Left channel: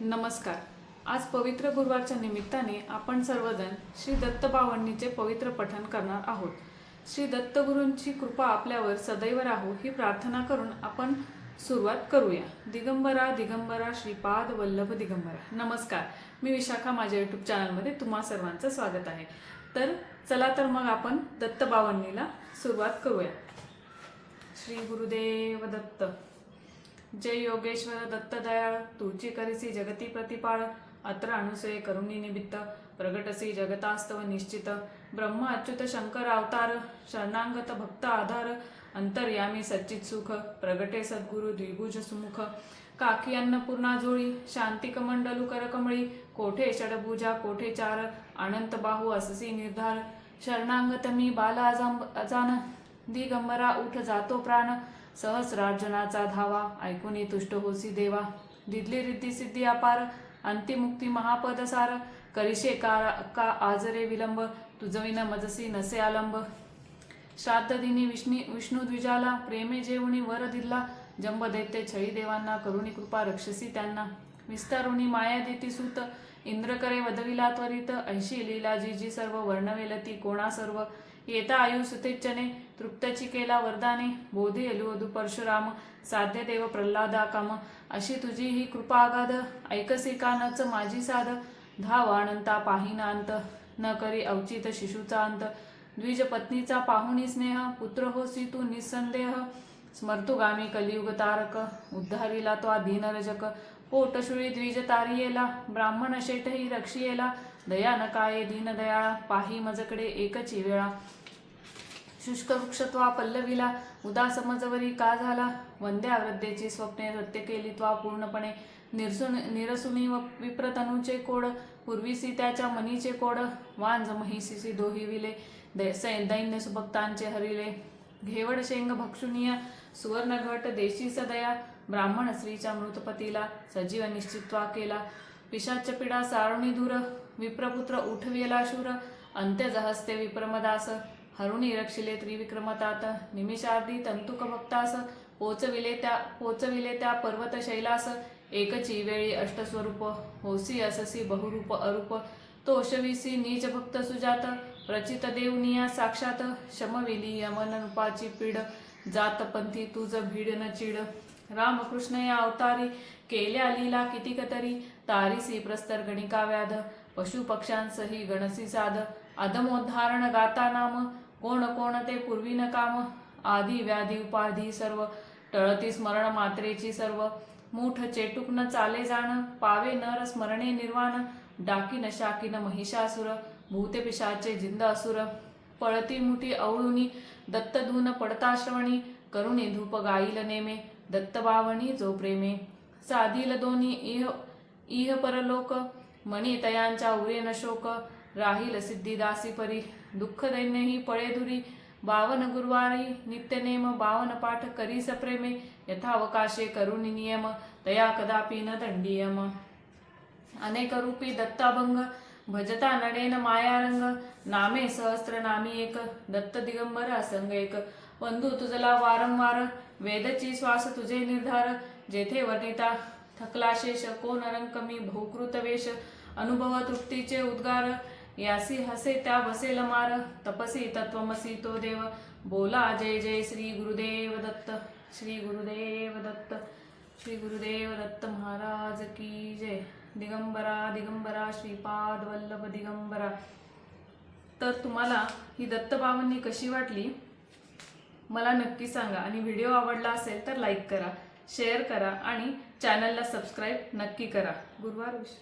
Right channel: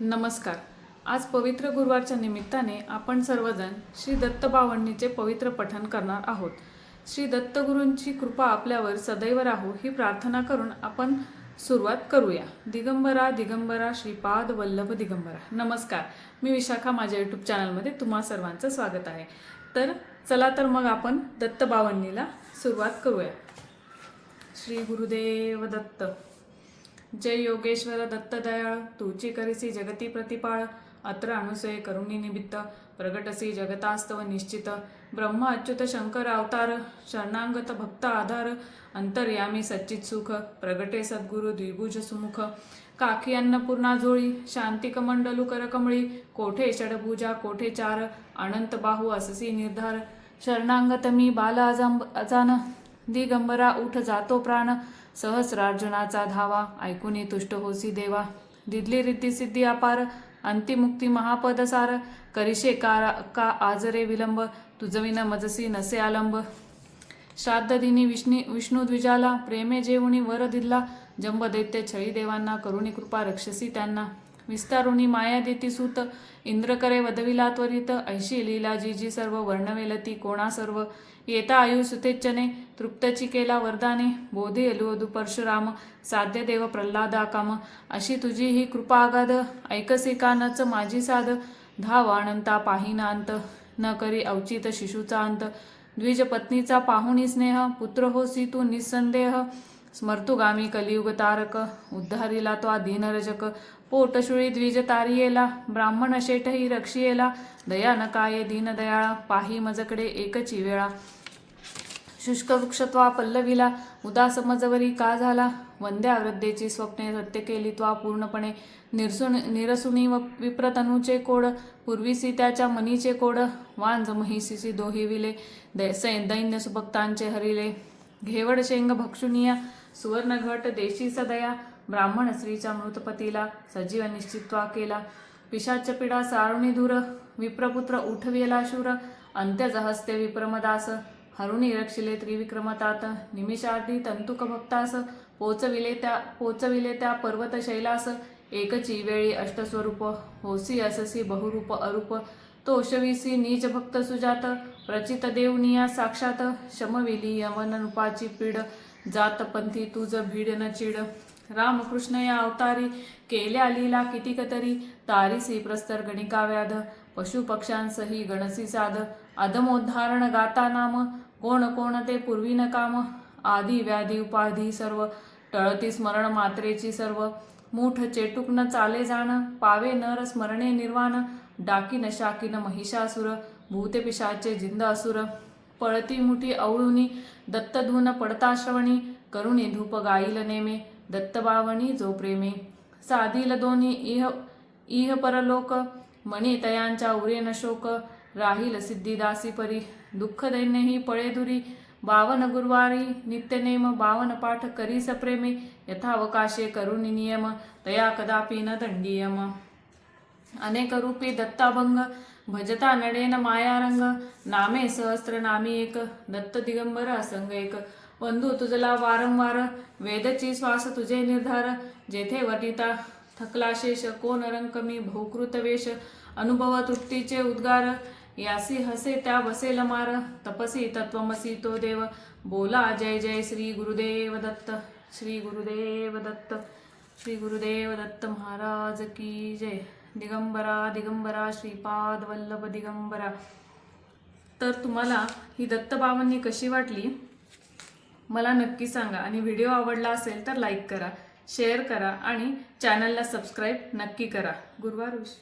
नमस्कार. आज पवित्र गुरुवारच्या निमित्ताने आपण सर्वजण श्री दत्तबावणीचे पवित्र पठण करणार आहोत. श्री दत्तगुरूंची कृपा आपल्यावर सदैव राहो ही प्रार्थना करून आपण सुरुवात करूया. दिगंबरा दिगंबरा श्रीपाद वल्लभ दिगंबरा. नमस्कार. मी विशाखा माझ्या यूट्यूब चॅनलमध्ये तुम्हा सर्वांचं स्वागत आहे. तर चला तर मग आपण दत्त सुरुवात करूया. श्री गुरुदेव दत्त. जय योगेश्वर दत्त दयाळ तुची करिसी जगती प्रतिपाळ अत्र अनुसये करुणी निमित्त प्रगटसी जगतास्तव निश्चित ब्रह्म अच्युत शंकर अवतार शरणांगत भक्त आधार अंतर्यामी सच्चित सुख प्रगटे सद्गुरु द्विभुज सुमुख काकी अन्नपूर्णा जुळी शांतिक मंडलू करकमळी कोठे षडभुजा कोठे चार अनंत बाहू अससी निर्धार शरणांगत मी बाल अजान दिगंबरा उठ जातो प्राण सहस्रार्जुनाचा धावा ऐकून तुष्ट होसी देवा. दिदली रीती सिद्धी अपार अंतिमुक्ती महापद सार करिशे कारा का आजरे विलंब तुझविन मजसी नसे आलंब. श्राद्ध दिनी विष्णी विष्णू द्विजाला प्रेमे जेवणी वर दिल्ला. जंब दैत्य छळी देवांना करुणी कृपा रक्षसी त्यांना. विस्तारुणी माया देती सुत इंद्र करे वदविला त्वरित ऐशी लीला जी जी सर्व वर्णवेलती कोणा सर्व. येता आयु सुतेच्छने तृप्तची केला वरदाने बोधे एलुवधू परशुराम साध्य देव प्रल्हादा काम. अशी तुझी ही कृपागाध ऐकसे कानच माझी साध. धाव अनंता पाहिनांत न करी अवचित शिशूचा अंत. द्विज पत्नीचा पाहुणी स्नेह पुत्र होसी तू निसंदेह. स्मर्तुगामी कलियुग तारक उद्धारिला तो दीनरजक. पोटशुळी द्विज तारियेला ब्राह्मण शेठही रक्षियेला दया न काये दीनदयाळा पाही मजकडे एकची वेळा. शुष्क वृक्षत्वा पल्लविला उदास मजवरी का झाला? वंद्या वृद्धेची स्वप्ने सत्य केली त्वा पूर्णपणे. निरसुन निरसुनी व विप्रतनूचे कोड पूर्वीसी त्याच्या मनीचे कोड वांज महिसीसी दोहिविले दै- दैन्य सुभक्तांचे हरिले. घेवड शेंग भक्षुनिया सुवर्णघट देशी सदया ब्राह्मण स्त्रीच्या मृतपतीला सजीव निश्चित्वा केला. पिशाच पिडा सारुणी धुर विप्रपुत्र उठवेला शूर अंत्यज हस्ते विप्रमदास हरुणी रक्षिले त्रिविक्रमतात निमिषार्धी तंतुक भक्तास पोचविले त्या पोचविले त्या पर्वत शैलास एकची वेळी अष्टस्वरूप होसी अससी बहुरूप अरूप तोषविसी नीच भक्त सुजात प्रचित देवनिया साक्षात शमविली यमन रूपाची पीड जात पंथी तुझ भीड न चिड रामकृष्ण या अवतारी केल्या लीला कितीक तरी. तारिसी प्रस्तर गणिका व्याध पशु पक्ष्यांसही गणसी साध. अदमोद्धारण गाता नाम कोण कोण ते पूर्वीन काम. आदी व्याधी उपाधी सर्व टळती स्मरण मात्रेची सर्व. मूठ चेटुक न चाले जाण पावे नर स्मरणे निर्वाण. डाकीन शाकीन महिषासुर भूते पिशाचे जिंद असुर. पळती मुठी अवळुनी दत्तधून पडता श्रवणी करुणी धूप गाईल नेमे. दत्तबावणी जो प्रेमे साधील दोन्ही इह इह परलोक मणी तयांच्या उरेन शोक राहील सिद्धिदासी परी दुःख दैन्यही पळे धुरी बावन गुरुवारी नित्यनेम बावन पाठ करीस प्रेमे यथावकाशे करुणी नियम तया कदापि न दंडियम. अनेक रूपी दत्ताभंग भजता नडेन मायारंग नामे सहस्त्र नामी एक दत्त दिगंबर असंग एक. बंधू तुझला वारंवार वेदची श्वास तुझे निर्धार. जेथे वर्णिता थकलाशेष शेष कोण रंकमी वेश. अनुभव तृप्तीचे उद्गार यासी हसे त्या बसेल मार. तपसी तत्वमसी तो देव. बोला जय जय श्री गुरुदेव दत्त श्री गुरुदेव दत्त श्री गुरुदेव दत्त महाराज की जय. दिगंबरा दिगंबरा श्रीपाद वल्लभ दिगंबरा. तर तुम्हाला ही दत्तबाबांनी कशी वाटली? मला नक्की सांगा. आणि व्हिडिओ आवडला असेल तर लाईक करा शेअर करा आणि चॅनलला सबस्क्राईब नक्की करा. गुरुवार विश